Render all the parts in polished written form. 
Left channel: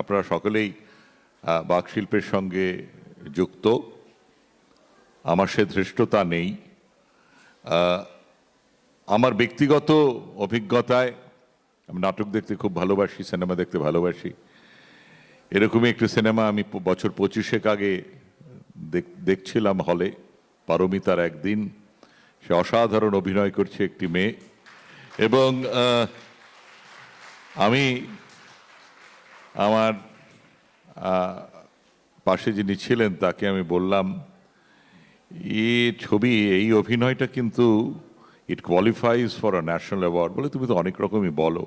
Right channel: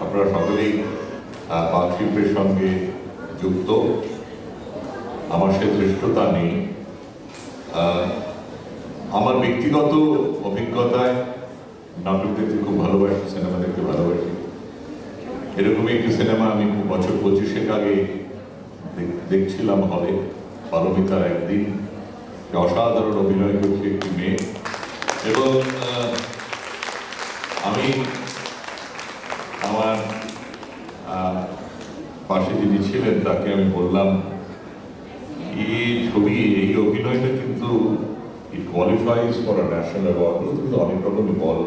আপনারা সকলেই বাক শিল্পের সঙ্গে যুক্ত। আমার সে ধৃষ্টতা নেই। আমার ব্যক্তিগত অভিজ্ঞতায় নাটক দেখতে খুব ভালোবাসি, সিনেমা দেখতে ভালোবাসি। এরকমই একটি সিনেমা আমি বছর 25 আগে দেখছিলাম হলে, পারমিতার একদিন। সে অসাধারণ অভিনয় করছে একটি মেয়ে, এবং আমি আমার পাশে যিনি ছিলেন তাকে আমি বললাম, এই ছবি, এই অভিনয়টা কিন্তু it qualifies for a national award বলে তুমি তো অনেক রকমই বলো।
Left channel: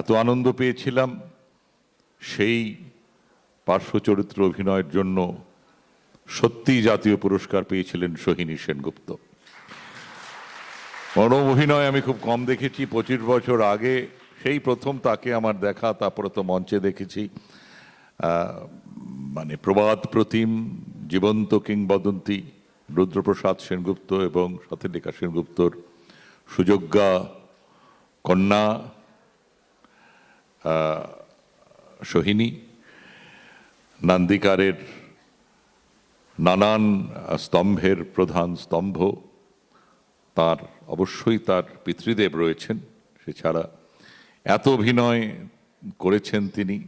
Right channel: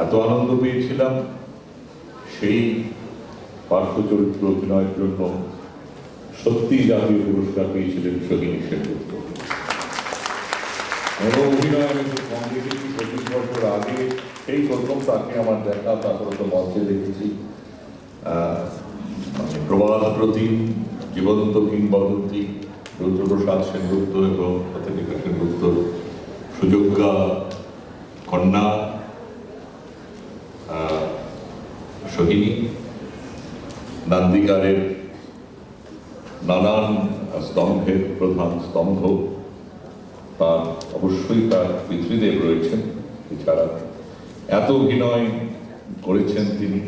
এত আনন্দ পেয়েছিলাম। সেই পার্শ্ব চরিত্র অভিনয়ের জন্য সত্যি জাতীয় পুরস্কার পেয়েছিলেন সোহিনী সেনগুপ্ত। বড় অভিনয় আমি খুব কম দেখেছি, 25 বছর আগে সেই প্রথম তাকে আমার দেখা, তারপরে তো মঞ্চে দেখেছি। প্রবাদ প্রতিম, জীবন্ত কিংবদন্তি রুদ্রপ্রসাদ সেনগুপ্ত এবং প্রতিনিকা সেনগুপ্তর সুযোগ্যা কন্যা সোহিনী, নান্দিকারের নানান স্তম্ভের প্রধান স্তম্ভ। তার অবশ্যই তার পিতৃদেব রয়েছেন, এছাড়া এত অভিনয় করেছেন তিনি।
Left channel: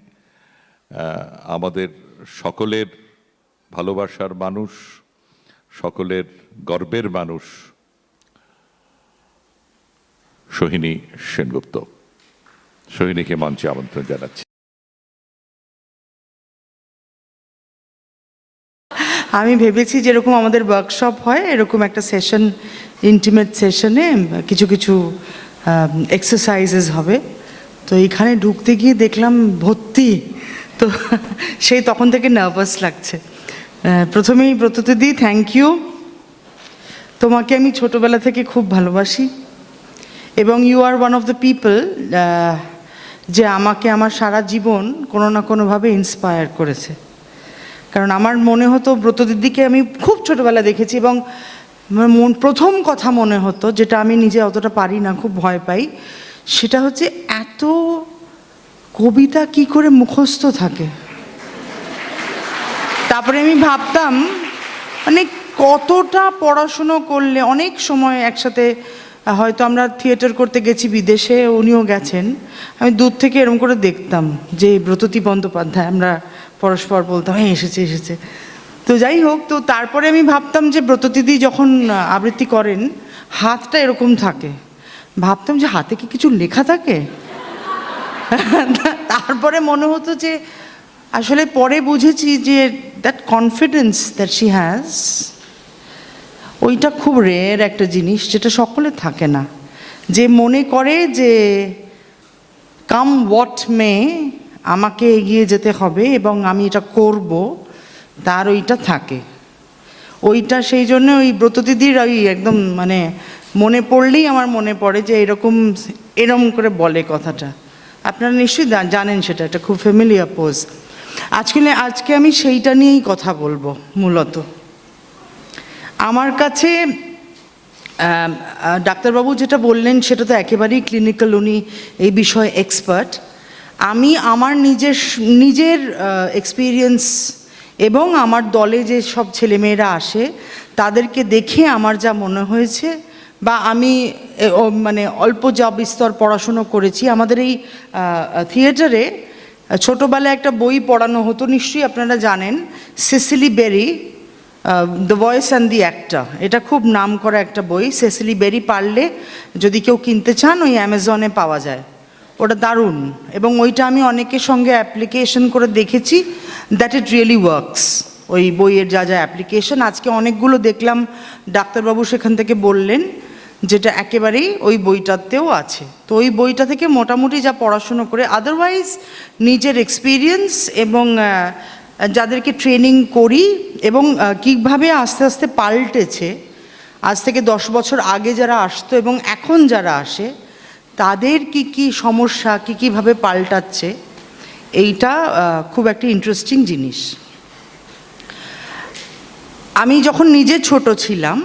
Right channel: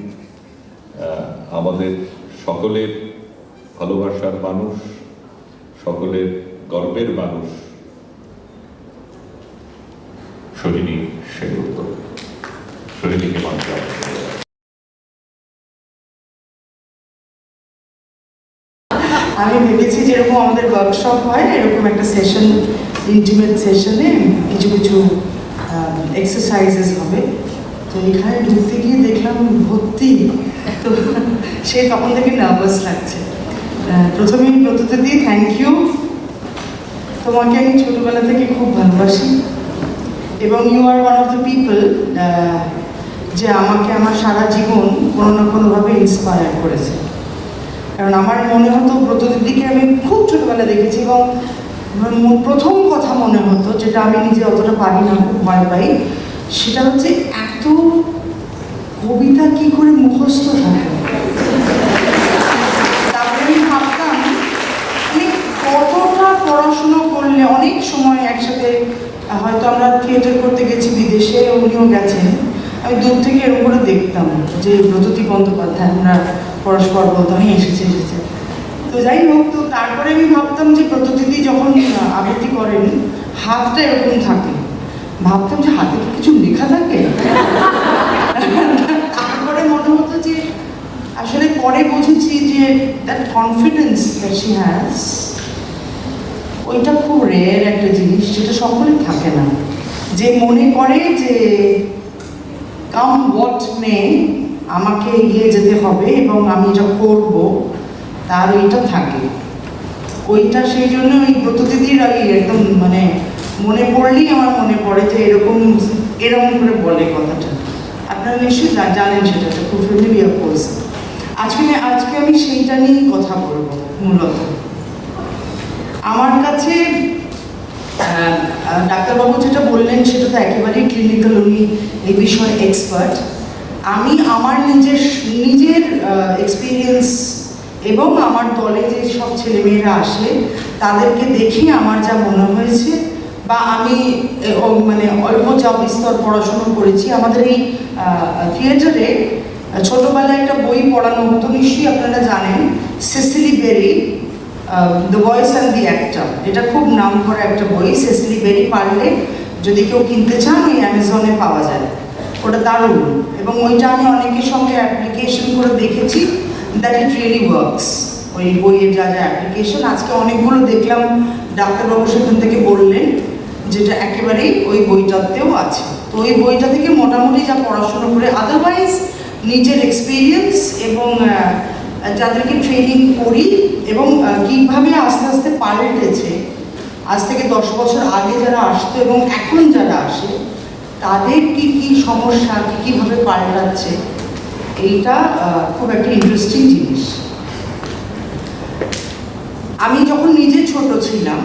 আমাদের সকলের ভালোবাসার মানুষ, সকলের গর্বের মানুষ সোহিনী সেনগুপ্ত। সোহিনীকে মঞ্চে আমন্ত্রণ জানাচ্ছি। আমি ভেবেছি যেরকম আমাদের ওয়ার্কশপ হয় এরকম একটা সেশন, ইন্টিমেট সেশনে কিছু কিছু এক্সারসাইজেস হবে। তো এখানে ঢুকতে গিয়ে দেখলাম ভর্তি, তো সেই তখন থেকে নার্ভাস লাগছে। প্রথমেই ব্রতদিদি, থ্যাংক ইউ। তোমাকে আমি ছোটবেলা থেকে খুব ভালোবাসি, এবং you are one of the people যে আমাকে আমার সারা জীবন কোনো না কোনোভাবে ইন্সপায়ার করেছে। কারণ আমার মনে হতো ব্রতদিদিকে আমি খুব ছোটবেলা দেখেছি, এবং প্রথম কথা মনে হতো, যেটা আমি নিজে অতটা পারি না, খুব ভয় পাই, সেটা হচ্ছে এত কবিতা কি করে মুখস্থ থাকে। তারপরে আমি ভাবতাম মানে কতটা পড়াশুনো করলে, অনেক সময় একসাথে হয়তো আমরা থিয়েটার করতে গেছি বিদেশে, উনিও গেছেন, আমি দূর থেকে এরকম করে দেখতাম যে ব্রততী বন্দ্যোপাধ্যায়, আমরা পরস্পর বলতাম এসেছে এসেছে। তো যাই হোক, তো তারপরে আমি ভাবতাম যে ব্রতদিদি যখন আবৃত্তি করেন হাতটা এরকম থাকে, ভাবতাম যে হাতে কি কিছু লেখা থাকে। তারপরে মনে হতো যে আসলে পরে বুঝেছি যে that confidence that she has, ওইটা খুব রেয়ার একটা জিনিস, যেটা সকলে থাকে না। যে মনে করে যে কাম হোয়াট মে, আমাকে এগিয়ে যেতে হবে এবং আমি এটা করব, তার ওইটা থাকে। ওইটা সেই জন্য ওই ব্রতদিদির ওই একদম মানে মনে পড়লেই আমার মনে পড়ে যে এরকম করে বলে কথাটা। আপনারা নিশ্চয়ই জানেন, সেটা একটা খুব ফ্যামিলিয়ার পোজ। আজকে আমি সেইটা নিয়েই কথা বলবো মূলত। আমার কাছে ডাক্তারবাবু যেটা বললেন সেটা তো একেবারেই ক্লিনিক্যাল, উনি এই বিষয়ে এক্সপার্ট। আমি আমার নিজের এক্সপিরিয়েন্স এবং আমার দলে যে সব ছেলেমেয়েরা আসে তাদেরকে দেখে আমার যা মনে হয়েছে, বা আমি মানে অল্প যা বিস্তর পড়াশুনো করেছি, আমাদের এই থিয়েটারে ছোটোবেলায় একটা বই পড়ানো হতো, নিশ্চয়ই আপনারা জানেন, Cicely Berry, the voice and the actor. এটা খুব নাম করা একটা বই। সেসিলি বেরি পারলে যদি কেউ কিনতে চান, ওই অ্যামাজনে পাওয়া যায়, ওটা দারুণ। এবং ওইটা আমি অনেকের সঙ্গে অ্যাপ্লিকেশন করে দেখেছি, দ্যাট ইট রিয়েলি ওয়ার্কস। ওই বইয়ের যা যা অ্যাপ্লিকেশন, আজকে অনেকগুলো দেখলাম ডাক্তারবাবু সেখান থেকে বললেন, যেটা একেবারেই ওই বইটাতেও আছে। তো ওই বইটা থেকে মোটামুটি যা পড়াশুনো করে, আদারওয়াইজ নিজের এক্সপিরিয়েন্স এবং যাদেরকে ট্রেনিং করি, এবং কীভাবে আস্তে আস্তে পাল্টেছে, আজ থেকে 10 বছর আগে যারা আসতো এবং এখন যারা আসে তাদের কি কি সমস্যা, কীভাবে পাল্টাচ্ছে, এইটা খুব একটা ইন্টারেস্টিং জিনিস। আমি যখন নিজে ছোট ছিলাম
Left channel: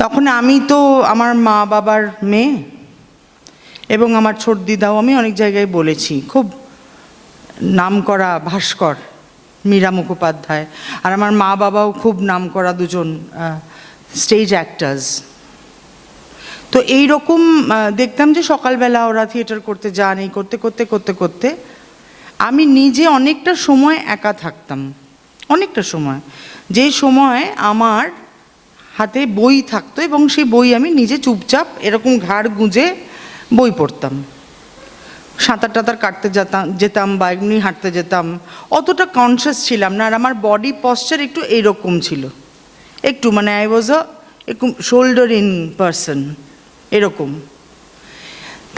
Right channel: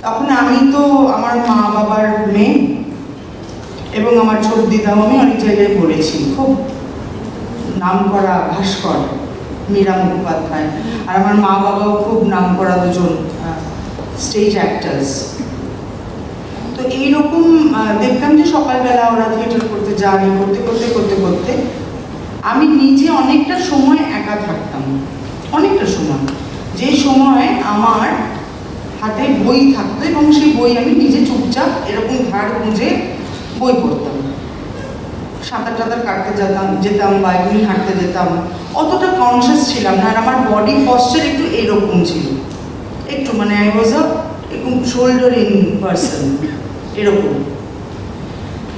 তখন আমি তো আমার মা বাবার মেয়ে, এবং আমার ছোট দিদাও আমি অনেক জায়গায় বলেছি, খুব নামকরা ভাস্কর মীরা মুখোপাধ্যায়, আর আমার মা বাবাও খুব নামকরা দুজন স্টেজ অ্যাক্টার্স। তো এইরকম দেখতাম যে সকালবেলা ওরা থিয়েটার করতে যান, এই করতে করতে করতে করতে আমি নিজে অনেকটা সময় একা থাকতাম, অনেকটা সময়, যে সময় আমার হাতে বই থাকতো এবং সেই বই আমি নিজে চুপচাপ এরকম ঘাড় গুঁজে বই পড়তাম। সাঁতার টাতার কাটতে যেতাম বা এমনি হাঁটতে যেতাম, অতটা কনসিয়াস ছিলাম না। আর আমার বডি পশ্চার একটু এরকম ছিল, একটু মানে I was a soldering person এরকম।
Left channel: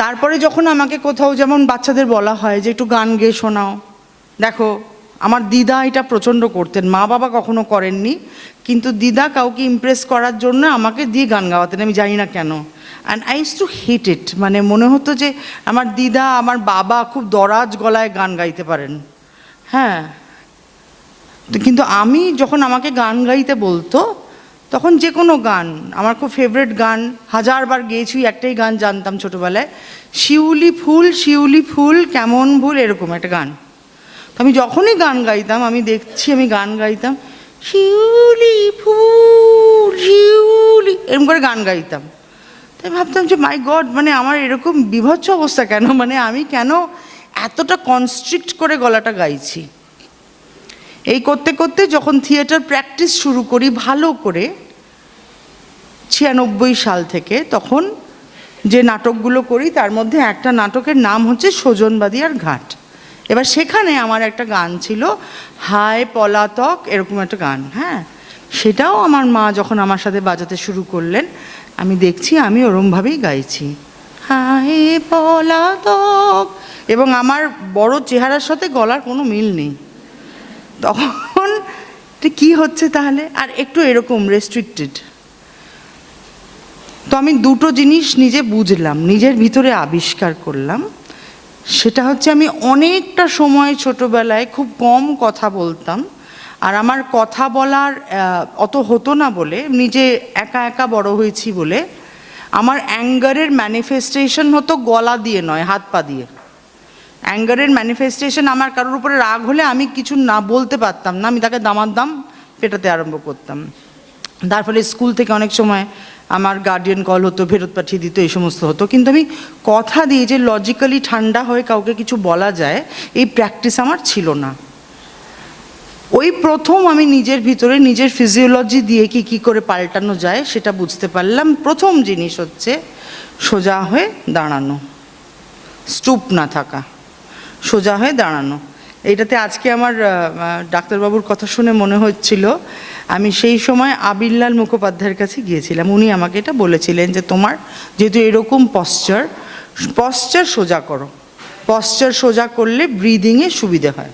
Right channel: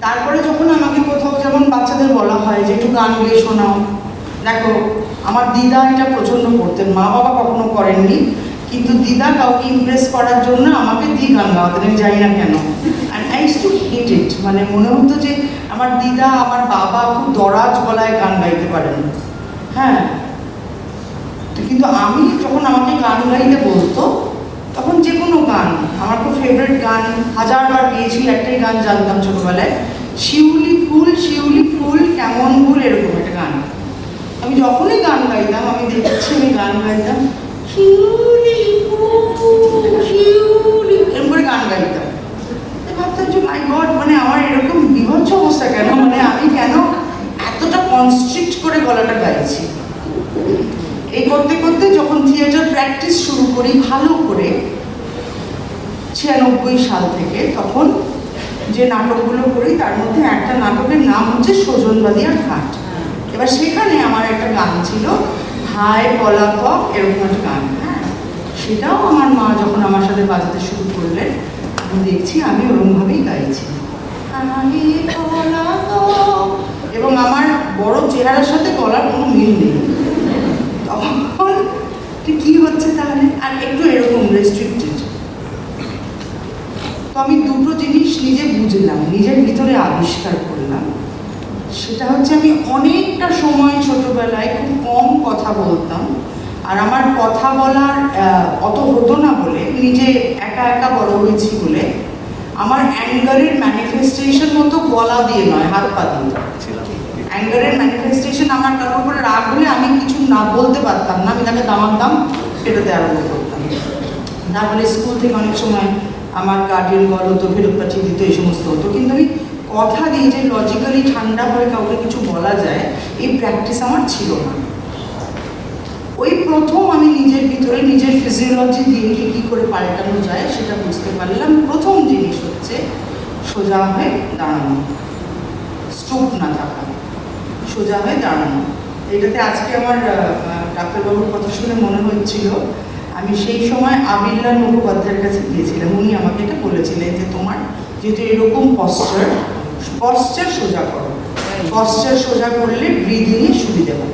তারপরে যখন আমাকে কোথাও যেমন বাচ্চাদের বলা হয় যে একটু গান গেয়ে শোনাও, দেখো আমার দিদা এটা প্রচণ্ড করতেন, মা বাবা কখনো করেননি, কিন্তু দিদা কাউকে ইমপ্রেস করার জন্য আমাকে দিয়ে গান গাওয়াতেন, আমি জানি না কেন। And I use to hate it, মানে মনে হতো যে আমার দিদা আমার বাবা খুব দরাজ গলায় গান গাইতে পারেন, হ্যাঁ। তো কিন্তু আমি যখন আমাকে গান গাইতে বলতো তখন যে কোনো গান, আমার খুব ফেভারিট গান, হাজারবার গেয়েছি, একটাই গান জানতাম ছোটোবেলায়, শিউলি ফুল কেমন ভুল, এরকম একটা গান। আমি যখনই গান গাইতাম, আমি দেখছি আমি গান গাইতাম শিউলি ফুল শিউলি, এরকম করে গান গাইতাম। আমি ভাবতাম যে মাই গড, মানে আমার এরকম বিভৎস অবস্থা কেন, মানে আমি কেন এতটা কনস্ট্রিক্ট করে গলাটা গাইছি। এই করতে করতে যখন থিয়েটার প্র্যাকটিস শুরু করি ভালো করে 96 সাল থেকে, তখন যে নাটকগুলো করি তার মধ্যে একটা নাটকের নাম হচ্ছে সজনবাদিয়ার ঘাট। এবার সেখানে আমার একটা গান ছিল হায় পলাতক, এরকম একটা গান, হ্যাঁ। সেটাও আমার মা যখন আমার সাথে বাজাতে শুরু করলেন, আমি দেখছি আমি ওরমভাবেই গাইছি হায় পলাতক, এবং আমার বড় চেহারার সাথে গলার কোনো মিল নেই। তখন কি হচ্ছে তাহলে, আর একটু এরকম রেস্ট্রিক্টেড। তো আমি দুটো জিনিস নিজে বুঝলাম, নিজের ভিতরে আবিষ্কার করলাম। সেটা হচ্ছে আমি অনেকটা সময় ছোটোবেলায় খুব কম কথা বলতাম, আর আমার কথা বলার অত হতো না বলে, নিজে একা একা বড় হয়েছি বলে, আমার অ্যাঙ্গারের ম্যানিফেস্টেশন হতো গলা দিয়ে নয়, হাত পা দিয়ে। অ্যাঙ্গারের ম্যানিফেস্টেশন, আমার কারোর উপরে রাগ হলে আমি কিছু না বলতে পারতাম না, আমি তাকে দামাতাম, ফেরতে আরম্ভ করতাম। তারপরে স্কুল থেকে অনেক সময় আমার গার্ডিয়ান কল হতো, ফেরত পাঠিয়ে দিত, এই সমস্ত হতো। কিন্তু আমি কথা দিয়ে যে লজিক্যালি ঠান্ডা হয়ে কাউকে কিছু বলা যায়, এই প্র্যাকটিস আমার ছিল না। ওই প্রথম আমি নিজের ভিতরে নিজের ফিজিওলজি দিয়ে কী করে পাল্টানো যায় সেটা বুঝতে পারলাম। প্রথম জিনিস হচ্ছে সোজা হয়ে দাঁড়ানো, স্টুপ না থাকা, সোজা হয়ে দাঁড়ানো। এইটাতে আজকে আমার ডাক্তারবাবুর কথা শুনে মনে হচ্ছিল, আমি সেই সময় আবিরলাল মুখোপাধ্যায়ের কাছে গিয়েছিলাম, উনি আমাকে এটা বলেছিলেন যে তোমার যেহেতু এরকম পশ্চার সোজা করো, পশ্চার সোজা করলে ব্রিদিংয়ে সুবিধে হয়।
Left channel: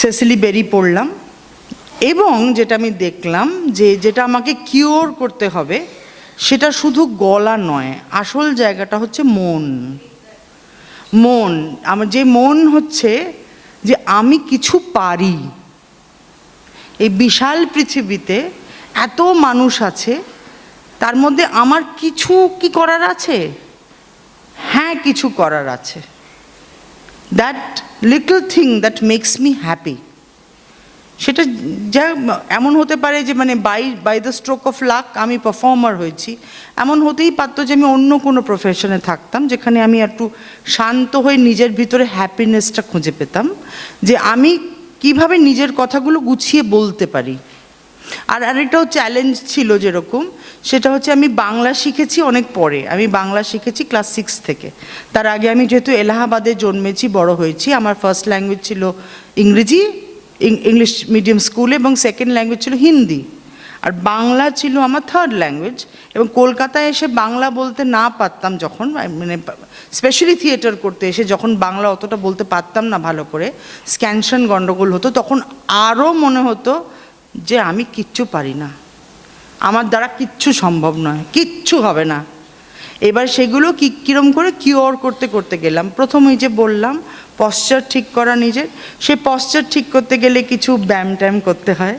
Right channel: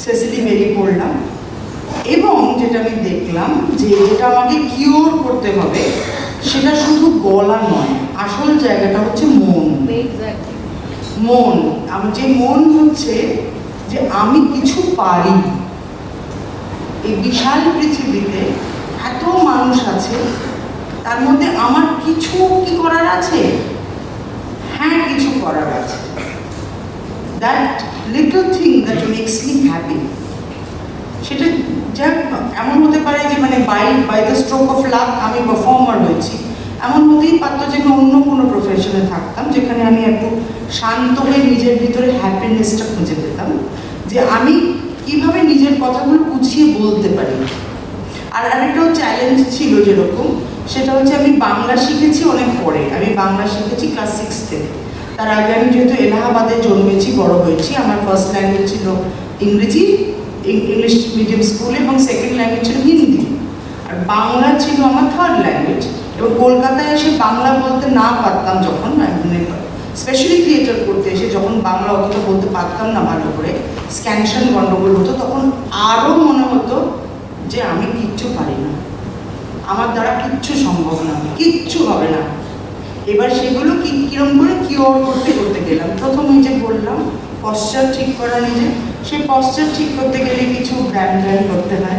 সেসিলি বেরি পড়লাম, এবং যেটা আমি দেখলাম যে যেটা আমাকে কিওর করতে হবে সেটা শুধু গলা নয়, আসল জায়গাটা হচ্ছে মন। মন, আমার যে মন হচ্ছে যে আমি কিছু পারি, এই বিশাল পৃথিবীতে এত মানুষ আছে, তার মধ্যে আমার কিছু কি করার আছে, হ্যাঁ কিছু করার আছে। That little thing that makes me happy, সেটা যা এমন হতে পারে যে মানে by the stroke of luck আমি পারফর্মার হয়েছি, এমন হতেই পারতো যে আমি অন্য কোনো প্রফেশনে থাকতাম যেখানে আমি একটু শান্ত হয়ে নিজের ভিতরে হ্যাপিনেসটা খুঁজে পেতাম, যে আমি কিভাবে নিজের কথাগুলো গুছিয়ে বলতে পারি। আর আরেকটাও চ্যালেঞ্জ ছিল যেরকম, সেটা হচ্ছে আমি বাংলা শিখেছি অনেক পরে, আমি বাংলা শিখেছি ক্লাস 6 থেকে। তার আগে আমি যেহেতু এলাহাবাদে জন্মেছি, বড় হয়েছি, আমার ফার্স্ট ল্যাঙ্গুয়েজ ছিল ইংরেজি, ইংলিশ মিডিয়াম স্কুলে, এবং সেকেন্ড ল্যাঙ্গুয়েজ ছিল হিন্দি, আর বাংলা ছিল আমার থার্ড ল্যাঙ্গুয়েজ। এবং কলকাতায় এসে বাংলা বলতে না পারতাম যখন, মানে স্পেশালি থিয়েটার করতে এসে যখন বাংলা অতটা বলতে পারতাম না ভালো করে, স্ক্যানশন গণ্ডগোল হতো, তখন আরও মনে হতো যে আমি কিচ্ছু পারি না, আমার দ্বারা কিচ্ছু সম্ভব নয়, কিচ্ছু হবে না। এবার সেগুলো কীরকম করে কিওর করতে করতে গেলাম। প্রথমে যে বললাম পশ্চার ঠিক করা নিজে, সেই পশ্চার ঠিক করতে গেলে কিছু ব্যায়াম ট্যায়াম করতে হয়।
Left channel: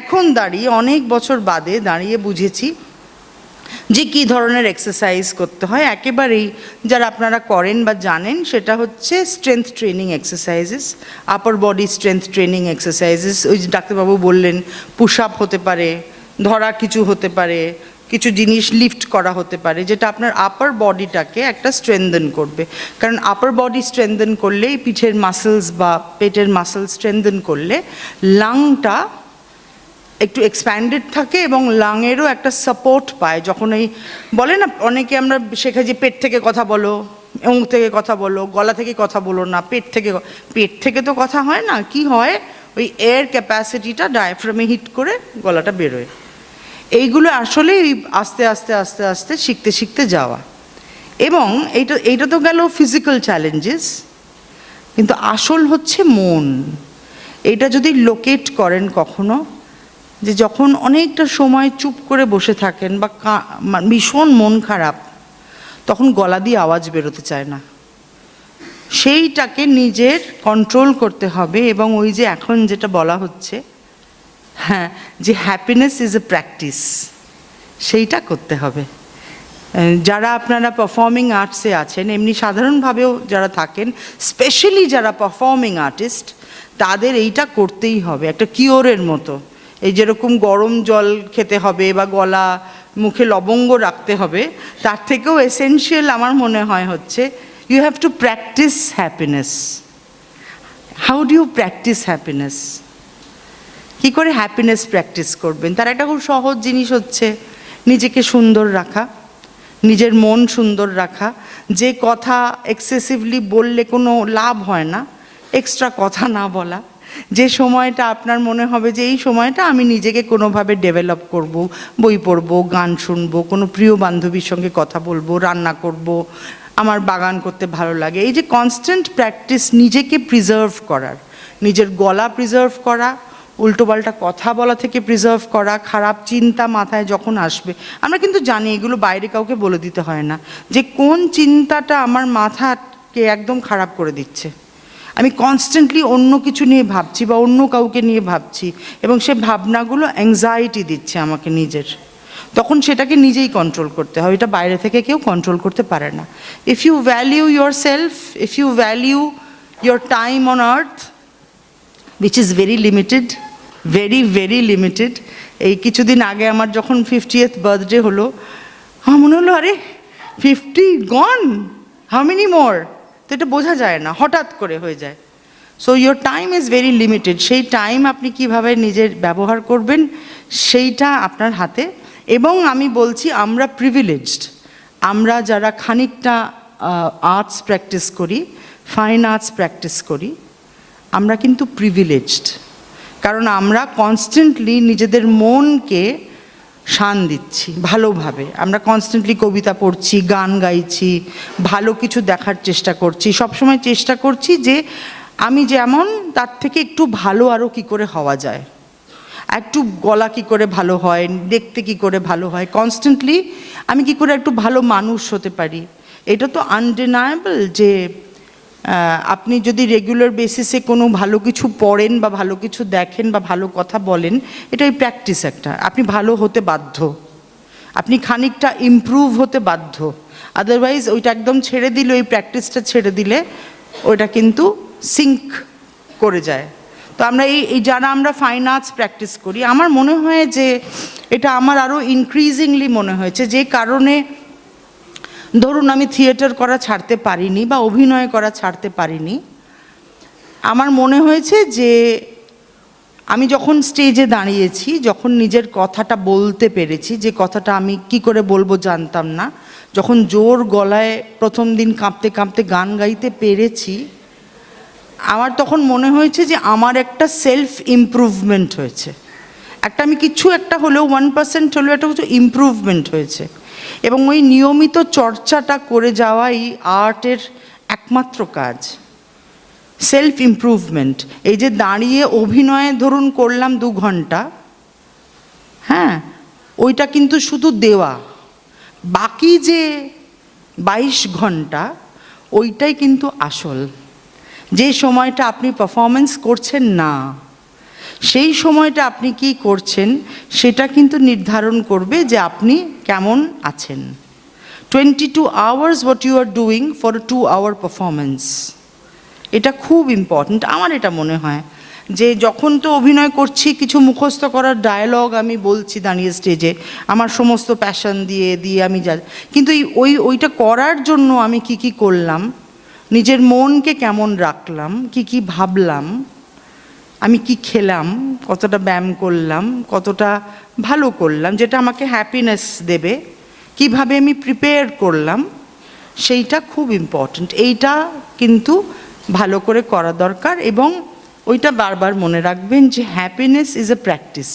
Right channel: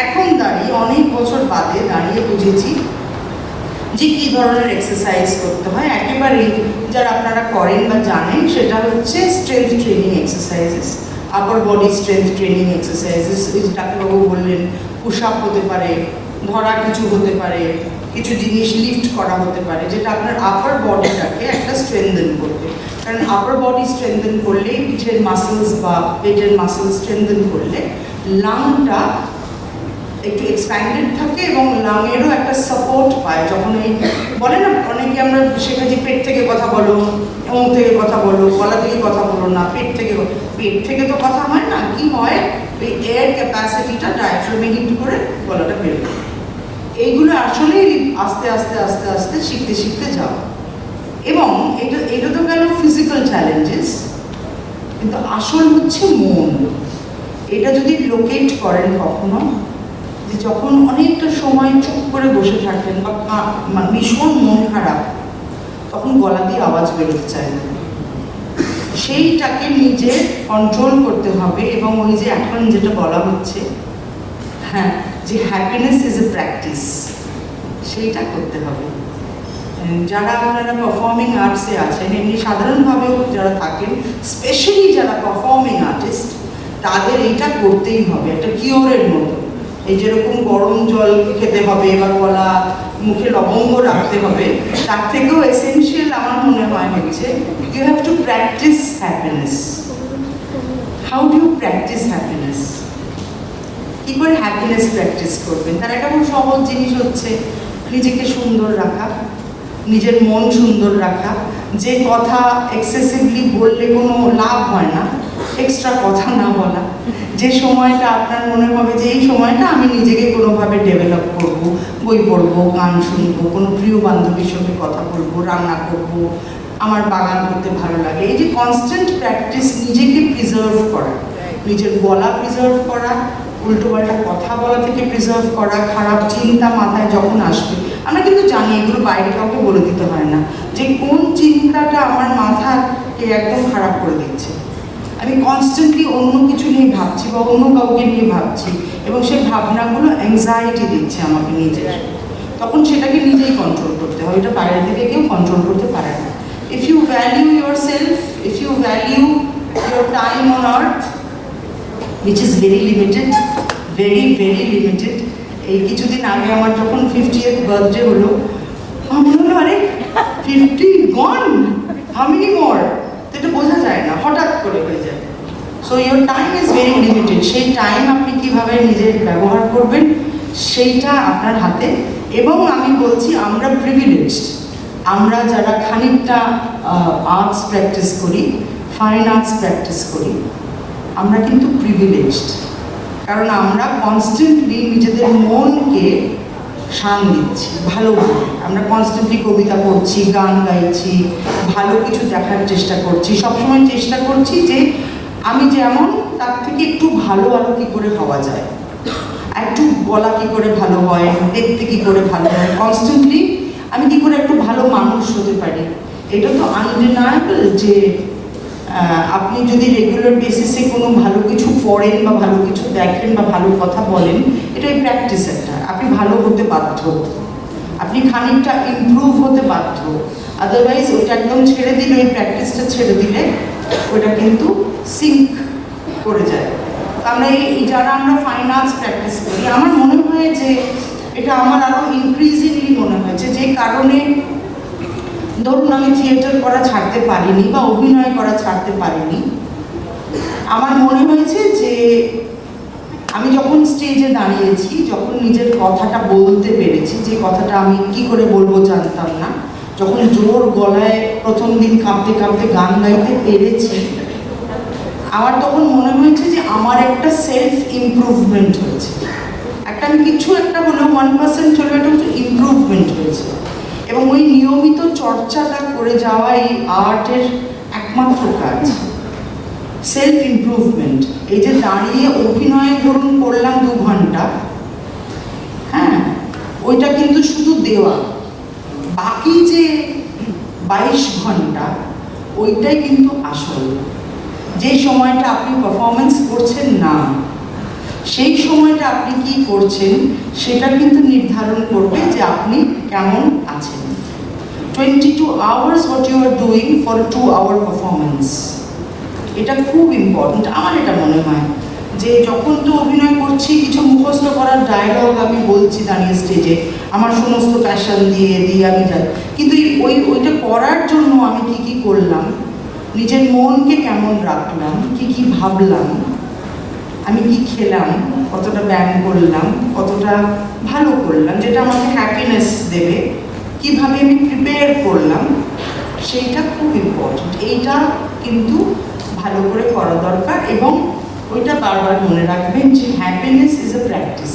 এখন দাঁড়িয়ে অনেক বছর বাদে দাঁড়িয়ে বুঝেছি যে কী ধরনের এক্সারসাইজ করতে হয় একেবারেই যারা আপনারা করেন বা জানেন, সেটা হচ্ছে স্ট্রেংথ ট্রেনিং এক্সারসাইজেস, আপার বডি স্ট্রেংথ ট্রেনিং এক্সারসাইজেস। ওই যে ডাক্তারবাবু বললেন, পুশ আপ হতে পারে, ধরা কিছু হতে পারে, কিছু জিনিস লিফট করা হতে পারে, যেটা আপনার আপার বডিটাকে একটা স্ট্রেনদেন করবে। কারণ আপার বডি স্ট্রেনদেন করলেই পিঠের মাসেলস বা পেটের মাসেলস স্ট্রেনদেন করলে লাংটা একটু এক্সপ্যান্ডেড থাকে এবং লাংয়েরও একটা সাপোর্ট পায়। যখন এই বলে না অনেকে আমরা শেখাচ্ছি পেট থেকে কথা বলো, মুখ থেকে কথা বলো, গলা থেকে কথা বলো না, পেট থেকে তো কথা হয় না, কি হয় ওই এয়ার ক্যাপাসিটিটা ডায়াফ্রামে হিট করে গলাটা বেরোয়। এইগুলো আসলে আস্তে আস্তে আস্তে আস্তে শিখতে শিখতে যাওয়া। এবং এইটা তো গেল ফিজিক্যাল চ্যালেঞ্জেস, কিন্তু আসল হচ্ছে মন। এটা যদি লোকেট করেন কখনো, যে যখন অনেকটা সময় চুপ করে বসে থাকেন বা ভীষণ মন খারাপ, তখন গলা দিয়ে আওয়াজ বেরোতে চায় না, সেইটাকে নিজের কন্ট্রোল করতে হবে। এবং ওই যে এখন যেটা বলা হচ্ছে, হ্যাঁ, যে হ্যাপিনেস ইজ এ প্র্যাকটিস, সেইটা করতে হবে। যারা আপনারা পারফর্মিং আর্টসে আছেন, এমনি সাধারণভাবেও যারা থাকেন, স্পেশালি যারা পারফর্মিং আর্টিস্ট, তাদের এইটা করতেই হবে, একটা কিওরের মতো। এই যেরকম গরম জল খেতে হবে বা গলা মুখে লবঙ্গ রাখতে হবে, তার থেকেও এসেনশিয়াল আমার মনে হয় হচ্ছে you have to practise happiness. How do you practise happiness? কী করে হ্যাপিনেস প্র্যাকটিস করবেন? তার একটা খুব সহজ জিনিস হচ্ছে নিজেকে সুন্দর রাখা, নিজের মন সুন্দর রাখা। যে কথা এক্সেসিভলি বললে কোনো লাভ হয় না, এক্সট্রা কথা না বলা। যে সময়টা আপনার মনে হবে যে এই সময়টা আমি নিজেকে কোনোভাবে ডেভেলপ করব, বই পড়বো, গান শুনবো, কোনো প্রিয় বান্ধবীর সঙ্গে কথা বলবো, রান্না করব, আমার বাগান করতে ভালো লাগে। এই যে কনস্ট্যান্ট প্র্যাকটিস, নিজেকে প্রিজার্ভ করা, নিজের গলা প্রিজার্ভ করা, উল্টোপাল্টা কথা বলা থেকে প্রিজার্ভ করা, খারাপ চিন্তা মাথায় যখন আসবে, আমরা কিন্তু জানি এগুলো বাইরে কাউকে বলে দিতে হয় না, যে কোন চিন্তাটা আমার মাথাকে একদম খারাপ করে দিচ্ছে। আমি কনস্ট্যান্টলি অন্য কিছু নিয়ে ভাবছি বা অন্য কাউকে নিয়ে ভাবছি, এবং সে ভাবনাগুলো অ্যাংজাইটি দিচ্ছে আমাকে নিজের। তখন সেটাকে নিজেই কন্ট্রোল করতে হবে, এটা বাইরে থেকে কেউ কন্ট্রোল করতে পারে না। If you value your self, if you value your time on earth, which is very limited, very very limited. এই কিছুদিন আগে আমার যখন 50th বার্থডে হলো, আমার মনে হলো আরে 50 গন, হাউ মেনি মোর? তো এটা বোঝা যায় না, হঠাৎ করে হয়ে যায়। So your time is very limited. সেই টাইম আপনি কীভাবে নিজের ব্যবহার করবেন সেইটা আপনার হাতে। এবং আমি বলছি আমরা প্রিভিলেজড, আমরা যারা খানিকটা আর্টস প্র্যাকটিস করি, ফাইন আর্টস প্র্যাকটিস করি, আমরা কিন্তু প্রিভিলেজড। কারণ আমরা কনস্ট্যান্টলি নিজেদের মনকে শান দিচ্ছি ভালোভাবে। আমরা কনস্ট্যান্টলি কবিতা পড়ছি, গান গাইছি, ভালো কিছু দেখার চেষ্টা করছি, সবসময় চেষ্টা করছি যে আমি যেমন তার থেকে একটু ভালো আরও কী করে হওয়া যায়, একটু গলা কী করে ভালো হয়, দেখতে কী করে ভালো হয়, কনস্ট্যান্টলি আমি কী করে একটু ভালো মানুষ হতে পারি। এটা তো আনডিনায়েবল যে আপনি যদি রেগুলার বেসিসে কোনো ভালো কিছু পড়েন বা ভালো কিছু দেখেন বা ভালো কথা বলেন, এটাই প্র্যাকটিস একটা। আপনি ভালো হতে বাধ্য, আপনি খানিকটা ইমপ্রুভ হতে বাধ্য। আদারওয়াইজ ওইটা একদম ছেড়ে দিলে, ওই প্র্যাকটিসটা ছেড়ে দিলে ওইটা কিন্তু সিঙ্ক করে যায়। তো আমরা এই যারা আমরা ফাইন আর্টস প্র্যাকটিস করি, আমার মনে হয় যে এটা আমার আরও ইনক্রিজিংলি মনে হয়েছে, যে কারণে ধরুন আমি থিয়েটার করা ছাড়তে পারিনি বা অভিনয় করা ছাড়তে পারিনি, আমার মনে হয়েছে যে আমি যখন স্টেজে দাঁড়িয়েছি, যখন নিজের কথাটা বলতে পেরেছি, যে কথাটা আমি কি করে বলবো জানতাম না, যখন জোর গলায় প্রথম দিন কাঁপতে কাঁপতে গান গাইতে পেরেছি, আমার তখন মনে হয়েছে যে আমার একটা সেলফ ইমপ্রুভমেন্ট হয়েছে, একটা আমি কিছু একটা হলেও 1% হলেও একটা কিছু ইমপ্রুভমেন্ট হয়েছে। এবং ওই নিয়মিত চর্চাটা করে যাওয়া এই আর্টের একমাত্র কাজ, সেলফ ইমপ্রুভমেন্ট। এই যে দাঁড়িয়ে অভিনয়ে ধরুন করলাম 2 ঘন্টা, হ্যাঁ, ওইটা কিন্তু শুধু দেওয়া, বাকি যে 22 ঘন্টা ওইটাই কিন্তু আসল, যে সময়টা আপনি পারফরমেন্স করছেন না, সেই সময়টা আপনি কি করছেন সেটা কিন্তু নির্ধারণ করবে যে আপনি কেমন আছেন। 22 hours what you are doing for a 2-hour performance, এটা খুব ইম্পর্ট্যান্ট। আমার এটা মনে হয় যে যখন তো অভিনয় করছি, কিছু মুখস্থ করার ডায়লগ আমি বলছি দাঁড়িয়ে স্টেজে, আমার সমস্ত প্যাশন দিয়ে আমি যাই, কিন্তু ওইটা করার জন্য আমি কি করলাম, নিজের মনকে কেমন রাখলাম, কি ভাবলাম, আমি কি খেলাম, কতটা ব্যায়াম করলাম, কতটা ভালো করলাম যেটা আমাকে হ্যাপিনেস দেবে, কিভাবে আমি প্রিপেয়ার করলাম, সেইটা খুব ইম্পর্ট্যান্ট। এইটা কিন্তু ভালো করে করা দরকার। এবং ওইটা বারবার মনে রাখবেন যে হ্যাপিনেস ইজ এ প্র্যাকটিস।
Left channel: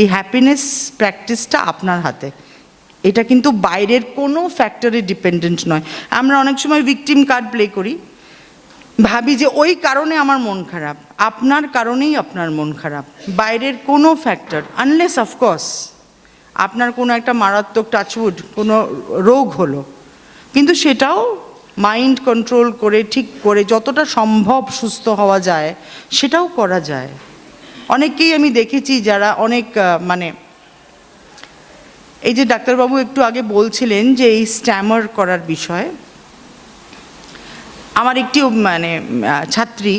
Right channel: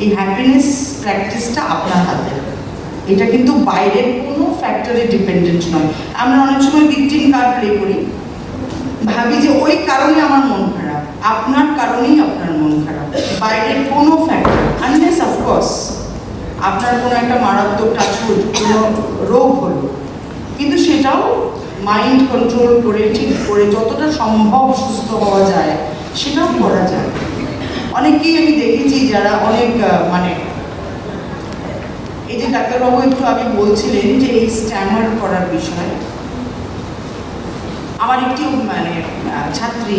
এই হ্যাপিনেস প্র্যাকটিসটা আপনার হাতে, এটা কিন্তু বাইরের কোনো ফ্যাক্টরে ডিপেন্ডেন্ট নয়। আমরা অনেক সময় ভিকটিম কার্ড প্লে করি, ভাবি যে ওই কারণে আমার মন খারাপ। আপনার কারণেই আপনার মন খারাপ, বাইরের কোনো ফ্যাক্টর, আনলেস অফকোর্স আপনার কোনো একটা মারাত্মক টাচউড কোনো রোগ হলো, কিন্তু সেটাও মাইন্ড কন্ট্রোল করে ঠিক করে যতটা সম্ভব সুস্থ হওয়া যায় সেটাও করা যায়। অনেকেই আমি দেখেছি যারা অনেক এই যে ডাক্তারবাবু একটু আগে বলছিলেন যে এই স্ট্যামার করার বিষয়, আমার একটি ছাত্রী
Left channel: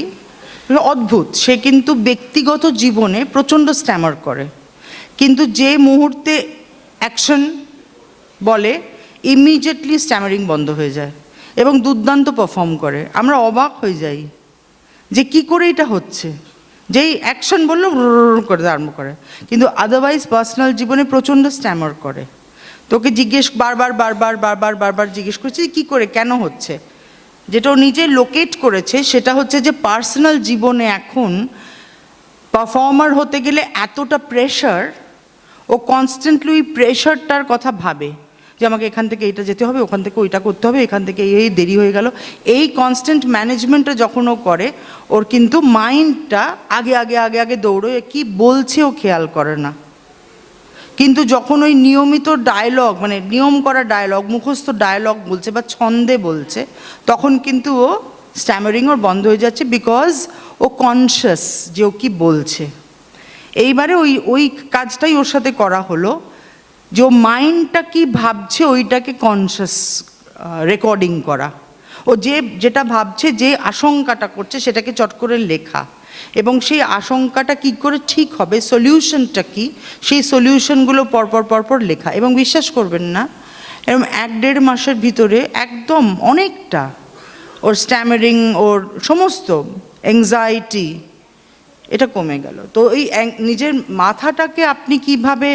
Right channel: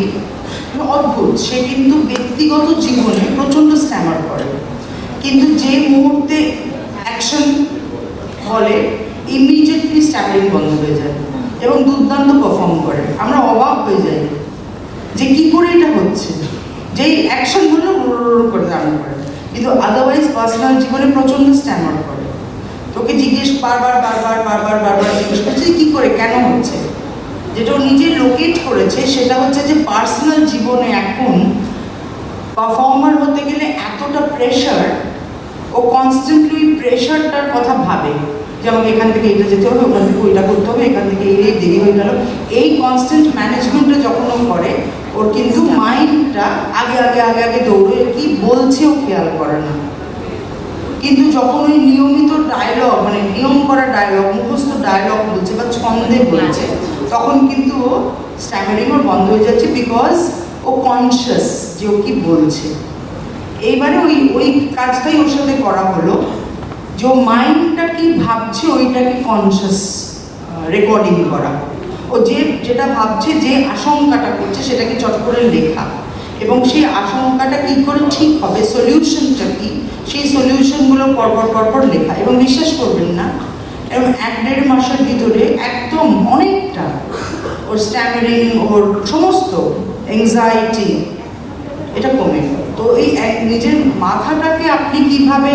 অদ্ভুত, সে কিন্তু ব্যক্তিগত জীবনে প্রচণ্ড স্ট্যামার করে, কিন্তু যে মুহূর্তে অ্যাকশন বলে ইমিডিয়েটলি স্ট্যামারিং বন্ধ হয়ে যায় এবং দুর্দান্ত পারফর্ম করে। আমরা অবাক হয়ে যাই যে কি করে এটা হচ্ছে, যেই অ্যাকশন বললো করে আরম্ভ করে, কিন্তু আদারওয়াইজ পার্সোনাল জীবনে প্রচণ্ড স্ট্যামার করে। তোকে জিজ্ঞেস বারবার জিজ্ঞেস করছে কী করে, কেন হচ্ছে। যেটা ও নিজে লোকেট করেছে সেটা হচ্ছে যে পার্সোনাল জীবনে এখন পারফর্মার হতে গেলে এতটা প্রেশার, ও কনস্ট্যান্টলি ওই প্রেশারটার কথা ভাবে যে আমাকে এখান থেকে এটা যেতে হবে, ওখান থেকে ওইটা করতে হবে, এখান থেকে এই দেরি হয়ে গেল। এই কনস্ট্যান্ট ম্যানেজমেন্টটা যখন ও করে, ওর কিন্তু মাইন্ডটা আগে দৌড়ে, কি বলছে ও খেয়াল করে না। কিন্তু যখন ওই নিয়মিত ডায়লগ নিয়ম করা ডায়লগ, মুখস্থ ডায়লগ বলছে বা ছন্দে বলছে, তখন কিন্তু ও স্ট্যামারিং ওর বন্ধ হয়ে যাচ্ছে, বিকজ ও কনসিয়াস যে ও কি বলছে। এইবারে ওই কাজটাই ওর সাথে করা হলো যে ও মাইন্ডটা কি ভাবছে ওইটাকে কনসিয়াস রেকর্ডিং করা, ও যেটা ভাবছে, যে আশঙ্কাটা করছে সেটাকে চট করে লেখা, এবং সেই আশঙ্কাটা কী করে ঠিক হবে, সলিউশনটা কি, সেই সলিউশনগুলো পরপর লেখা। এবং বিশ্বাস করবেন না, এরকম 1-1.5 মাসের ভিতরে একদম অনেকটা ওর স্ট্যামারিং, ওর সমস্ত অ্যাংজাইটি এটা কমে গেল। তো এই নিজের মাথাটাকে আপনি কিভাবে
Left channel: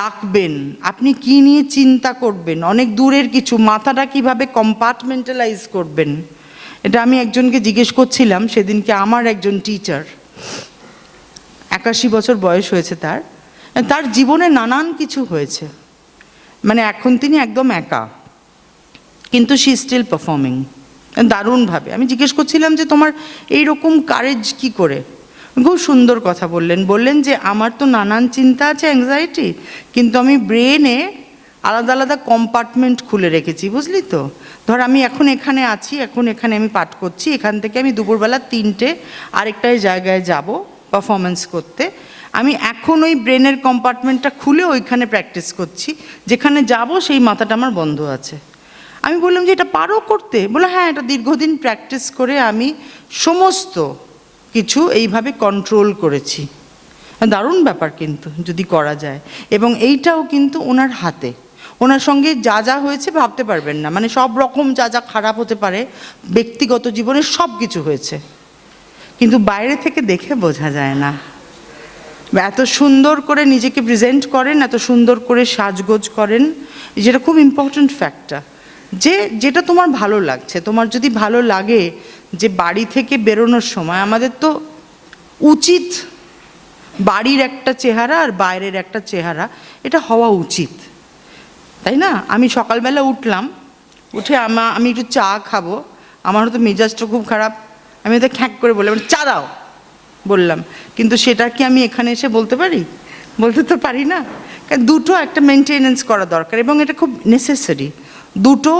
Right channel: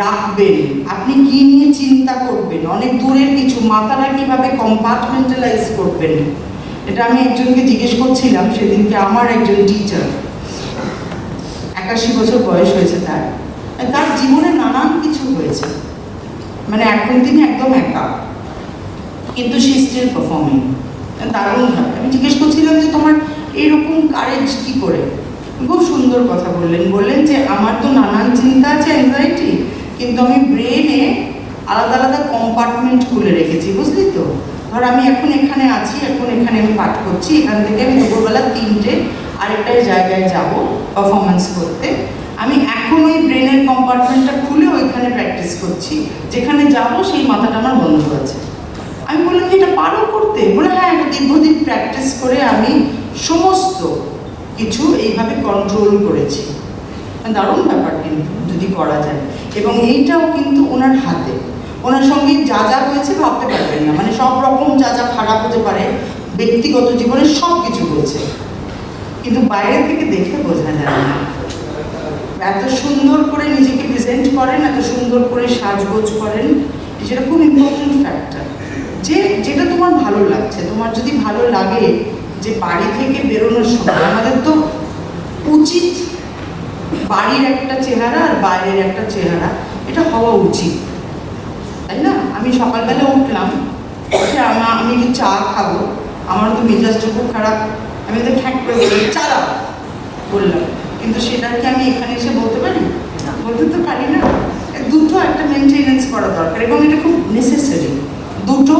রাখবেন, আপনি কি নিয়ে চিন্তা করবেন, অনেক দূরের কিছু, মাথাটা কিভাবে কম্পার্টমেন্টালাইজ করবেন, এটা আমি একজনকে জিজ্ঞেস করছিলাম সেদিনকে। আমার একজন টিচার, 81 বছর বয়স হয়েছে তার জীবনে নানান কিছু হয়েছে, এখন তিনি একদম একা, কিন্তু শি স্টিল পারফর্মিং দারুণভাবে। আমি জিজ্ঞেস করছিলাম যে তোমার এইরকম কারেজ কি করে। খুব সুন্দর কথা বললেন যে আমার তো নানান চিন্তা আছে, অ্যাংজাইটি, কিন্তু আমি ব্রেনে আলাদা কম্পার্টমেন্ট খুলে রেখেছি, বুঝলি তো। ধর আমি এখন এখানে আছি, এখন এখানে আমি পাঠ করছি, এখান থেকে আমি দুপুরবেলা 3টে আরেকটা জায়গায় যাব পারফরমেন্স করতে, আমি এখন ওই ব্রেনের কম্পার্টমেন্টটা খুলে ওইখানে প্র্যাকটিস করছি, যেখানে যাব সেই মাথাটা আমার বন্ধ আছে। আমি বললাম যে এটা পারো করতে? বলে হ্যাঁ, এটা দীর্ঘদিন প্র্যাকটিস করে আমি সমস্ত কিছু এইভাবে কন্ট্রোল করেছি। দারুণ ব্যাপার কিন্তু যদি করা যায়, এবং এইটাও কিন্তু ওনার হাতে। ওনার সঙ্গে যা হয়েছে ভাবতে পারবেন না, সব রকম যা খারাপ হতে পারে ব্যক্তিগত জীবনে সব কিছু হয়েছে, কিন্তু বাইরে থেকে দেখে বোঝা যায় না। এত সুন্দর করে নিজেকে প্রেজেন্ট করেন, এত সুন্দর করে সাজগোজ করেন, যেটা খুব ইম্পর্ট্যান্ট ফ্যাক্টর। যেটা তোমার ভালো লাগছে, তোমার যদি ভালো লাগে যে বাড়ি থেকে বেরোনোর সময় আমাদের তো উচিত বাড়ির একটা চেহারা আর বাইরের একটা চেহারা, এটা হওয়া উচিত, তাই না? আমি সকালবেলা উঠলাম, উঠে আমি একটু চা খাবো, আমারও তো মেজাজটা খুব খারাপ, আমি তো খ্যাঁক করে বললাম চা দাও বললাম, কিন্তু সেটা কি আমি এখানে এসে বলতে পারি? বলতে তো পারি না। দুটো একটা মেনটেনেন্স করা দরকার, এবং এটা খুব নেসেসারি। দুটো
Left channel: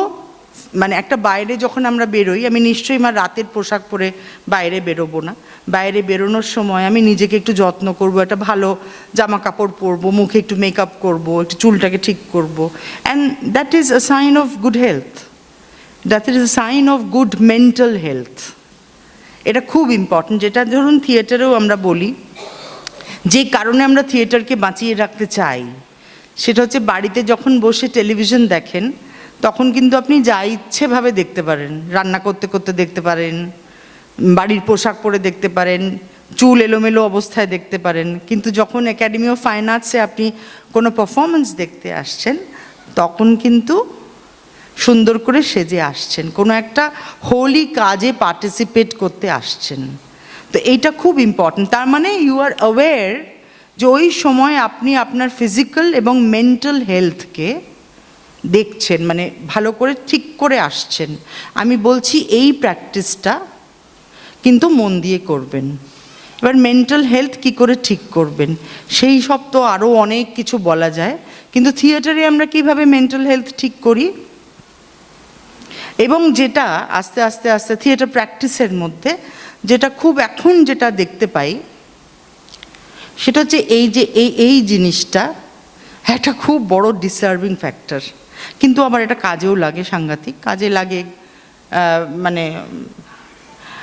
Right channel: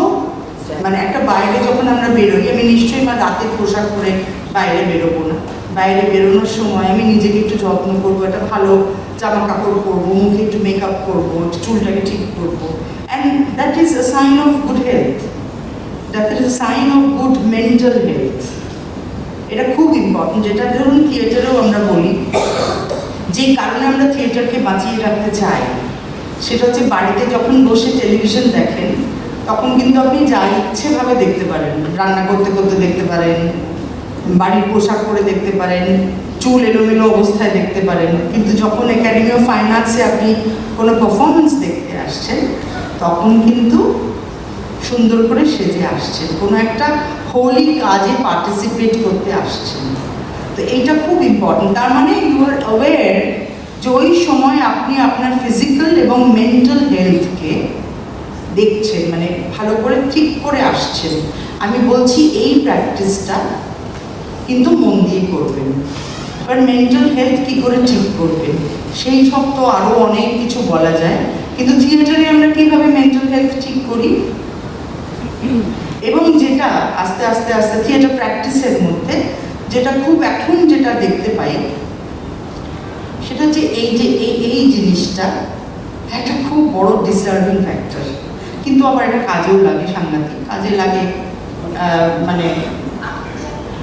একটা বাইরে যখন আমরা বেরোই, আমি নিশ্চয়ই রাতে পোশাক পরে বাইরে বেরোবো না, বাইরে বেরোনোর সময় আমি নিজেকে একটু যত্ন করব, একটা ভালো জামা কাপড় পরবো, মুখে একটু মেকআপ করবো, একটু চুলটাকে ঠিক করবো, and that is a sign of good health, that is a sign of good mental health. এটা খুব ইম্পর্টেন্ট, যেটা ধরুন থিয়েটারেও আমরা বলি, যে কারণে আমরা থিয়েটারকে বাঁচিয়ে রাখতে চাই সেটা হচ্ছে বাড়িতে যখন বসে টেলিভিশন দেখেন তখন কিন্তু আপনি যা ইচ্ছেভাবে দেখতে পারেন, রান্না করতে করতে দেখতে পারেন, বাড়ির পোশাক পরে দেখতে পারেন, চুল এলোমেলো অবস্থায় দেখতে পারেন, কিন্তু যখন একাডেমি অফ ফাইন আর্টসে আপনি কোনো পারফরমেন্স দেখতে আসছেন তখন কিন্তু সুন্দর করে সেজে আসছেন, কোনো একটা হোলি কাজে পার্টিসিপেট করতে আসছেন। তো এইটা খুব ইম্পর্টেন্ট। তার মানে ইউ আর অ্যাওয়্যার যে ওই সময় আপনি আপনার ফিজিক্যাল এবং মেন্টাল হেলথকে দেখছেন, মানে ভালো করে ঠিক করে আসছেন। আমি বলছি এই প্র্যাকটিসটা কিন্তু মন দিয়ে করবেন। এবার মেন্টাল হেলথ কী করে ঠিক করবেন সেই সব তো আরও অনেক কিছু বলা যায়, কিন্তু থিয়েটারে আমরা কীভাবে মেন্টাল হেলথ ঠিক করি, এবং যেটা আস্তে আস্তে আস্তে থিয়েটার প্র্যাকটিসের মধ্যে যেটা খুব এখন যেটা দেখতে পাই সেটা হচ্ছে এই যে এই জিনিসটা একটা খুব বড় ডিসার্ভিং ফ্যাক্টর, কিন্তু আবার এটা কাজেও লাগে, সাংঘাতিক কাজে লাগে। মানে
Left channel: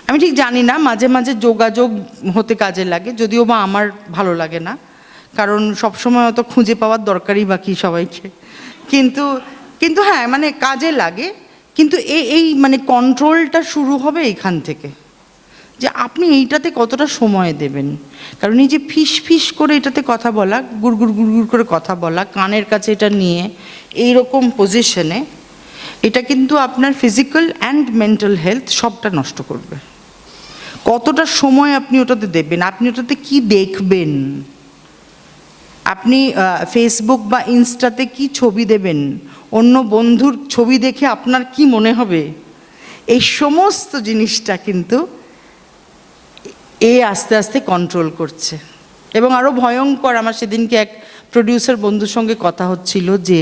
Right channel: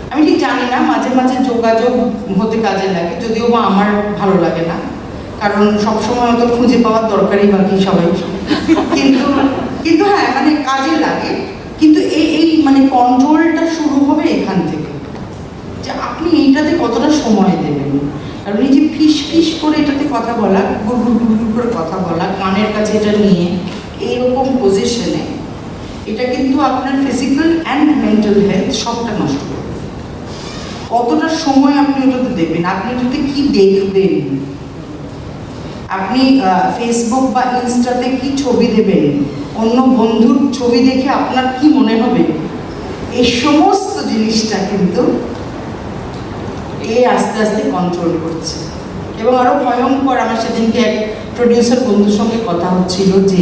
আমি ঠিক জানি না, মাঝে মাঝে যোগাযোগ হতে কাজে লাগে, যদিও বা আমার ভালো লাগে না, কারণ সবসময় অত খুঁজে পাওয়ার দরকারই বাকি সবাই, কিন্তু কিন্তু হ্যাঁ মানে কাজে লাগে। কিন্তু এই মানে কন্ট্রোলটা শুরু হবে এখান থেকে, যে আপনি এইটাতে কতটা সময় দেবেন। কারণ এই যে ফিস ফিস করে এটাতে কথা বলা, গুড়গুড় গুড়গুড় করে কথা বলা, কানের কাছে এটা নিয়ে এইরকম পজিশনে, এটা কিন্তু আপনার ফিজিক্যাল অ্যান্ড মেন্টাল হেলথ সবটা নষ্ট করবে। কতটা সময় আপনি ওটাতে দেবেন, আপনি ওটাতে কি দেখবেন, আপনি ফেসবুক বা ইনস্টাতে কি ছবি দেবেন, অন্য বন্ধুর ছবি দেখে আপনার কি মনে হবে, এই সমস্ত জিনিসটা কিন্তু আস্তে আস্তে কন্ট্রোল করছে। এবং আরও ভয়ঙ্কর, আমার সেদিনকে এক প্রডিউসার বন্ধুর সঙ্গে কথা হচ্ছিল যে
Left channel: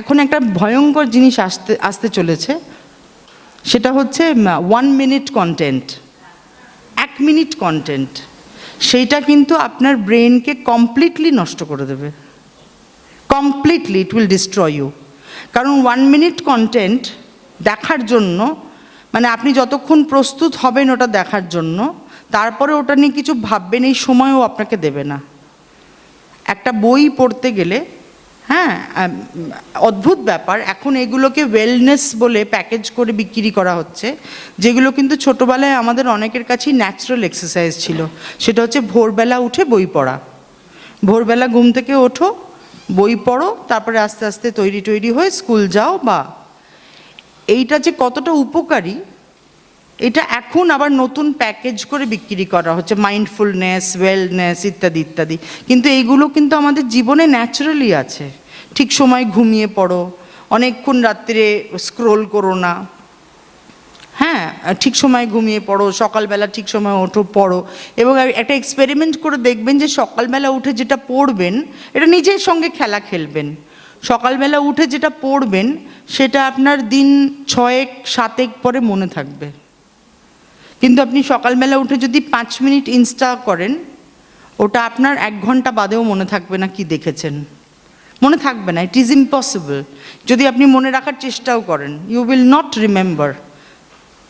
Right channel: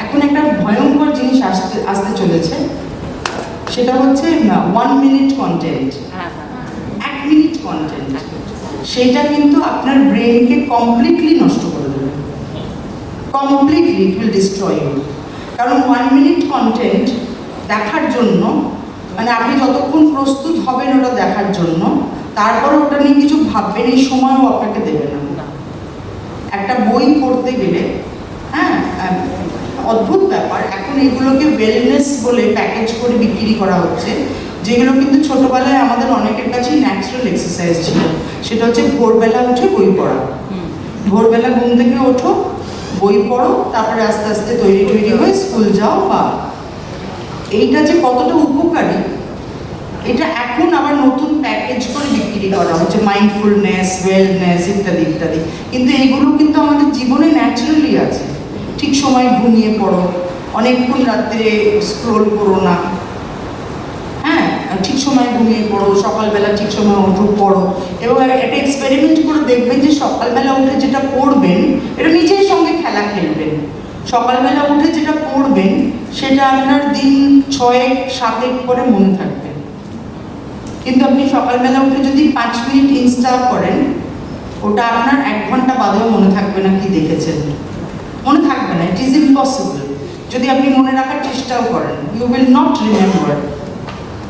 এখন একটা ভয়ঙ্কর জিনিস আসতে চলেছে, সেটা হচ্ছে 1 মিনিট কন্টেন্ট, 1 মিনিট কন্টেন্ট, সেইটা কিন্তু আপনার ব্রেনকে কমপ্লিটলি নষ্ট করে দেবে, completely it will destroy you. কারণ 1 মিনিট কন্টেন্ট দেখার জন্য মানে আপনি যতক্ষণ প্রস্তুত হবেন ওটা দেখার জন্য, তারপরে ওটা নিয়ে কিছু ভাববেন এই সময়ও আপনাকে দেবে না। একটা বই পড়তে গেলে, হ্যাঁ অদ্ভুত ব্যাপার, এখন এইগুলোকে ওয়েলনেস বলে প্যাকেজ করে বিক্রি করা হচ্ছে, যেগুলো কিন্তু ছোটোবেলায় আমাদের অনেকের কাছেই ন্যাচারাল এক্সারসাইজ ছিল। সেটা হচ্ছে ভোরবেলা উঠে বই পড়া, ভোরবেলা ঘুম থেকে ওঠো, বই পড়ো, তারপরে আস্তে আস্তে তৈরি হয়ে স্কুল যাও। বা এইটা যে কতটা উপকারী, এটা এখন আবার নতুন প্যাকেজ করে বিক্রি করা হচ্ছে, মাইন্ডফুলনেস, ওয়েলনেস ইত্যাদি ইত্যাদি। কিন্তু এইগুলো কিন্তু আমাদের জীবনে ন্যাচারালি আছে। ঠিক সময় ঘুমিয়ে পড়ো, অনেকক্ষণ রাত্রে স্ক্রোল করো না, হ্যাঁ ঠিক সময় ঘুমিয়ে পড়ো, সকালবেলা ঠিক সময় ওঠো, পড়ো। এবং একটা এক্সপেরিমেন্ট করে দেখবেন যে সকালবেলা উঠে যেটা পড়বেন এটা নিজের সঙ্গে খেলা খেলবেন। সকালবেলা উঠে যেটা পড়বেন সেটা আপনার দিন 6-7 পরে মনে থাকবে, কিন্তু আপনি সকালবেলা উঠে যদি 5 মিনিট ইনস্টল করেন, ওটা আপনার 1 ঘন্টা বাদেও মনে থাকবে না কি দেখেছেন, মনে থাকবে না। It is impossible. যদি আপনি মনে রাখার চেষ্টাও করেন, you will not remember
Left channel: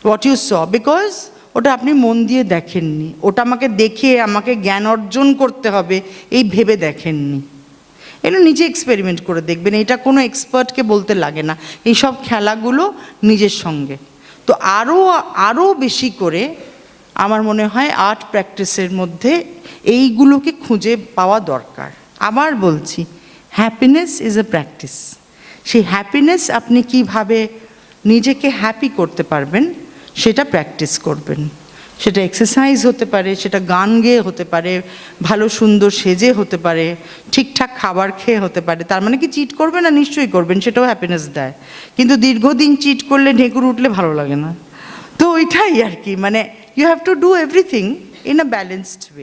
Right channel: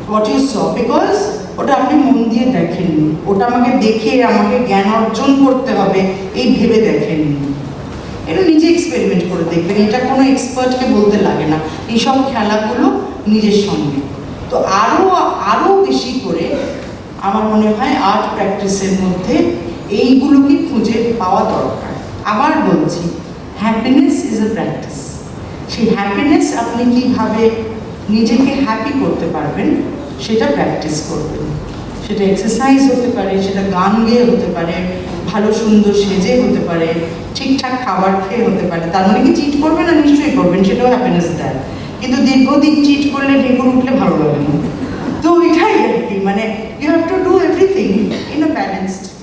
what you saw, because ওটা আপনি মন দিয়ে দেখেননি, ওটা আমাকে দেখে আমাকে জ্ঞান অর্জন করতে হবে এই ভেবে দেখেননি। এটা নিজে এক্সপেরিমেন্ট করে দেখবেন, এটা কোনো এক্সপার্টকে বলতে লাগে না, এইসব খেলাগুলো নিজের সঙ্গে। তো আরও বেশি করে আমার মনে হয় আর্ট প্র্যাকটিসের মধ্যে এইগুলোকে খুঁজে পাওয়া দরকার। আবার বলছি, হ্যাপিনেস ইজ এ প্র্যাকটিস। সেই হ্যাপিনেস আপনি কিভাবে নিজেকে হ্যাপি করতে পারবেন সেটা প্র্যাকটিস করবেন। সেটা এক্সারসাইজ হতে পারে, সেটা গান গেয়ে হতে পারে, ভালো সুন্দর সেজে হতে পারে, ঠিকঠাক খাবার খেয়ে হতে পারে। তার মানে কি চিট করবেন না? নিশ্চয়ই করবেন, সেটাও হ্যাপিনেস দেয়। কিন্তু দীর্ঘদিন চিট করলে ডেঙ্গুর উঠলে ভালো লাগে না। তো ওইটাই আর কি, মানে you have to do everything in a balanced way.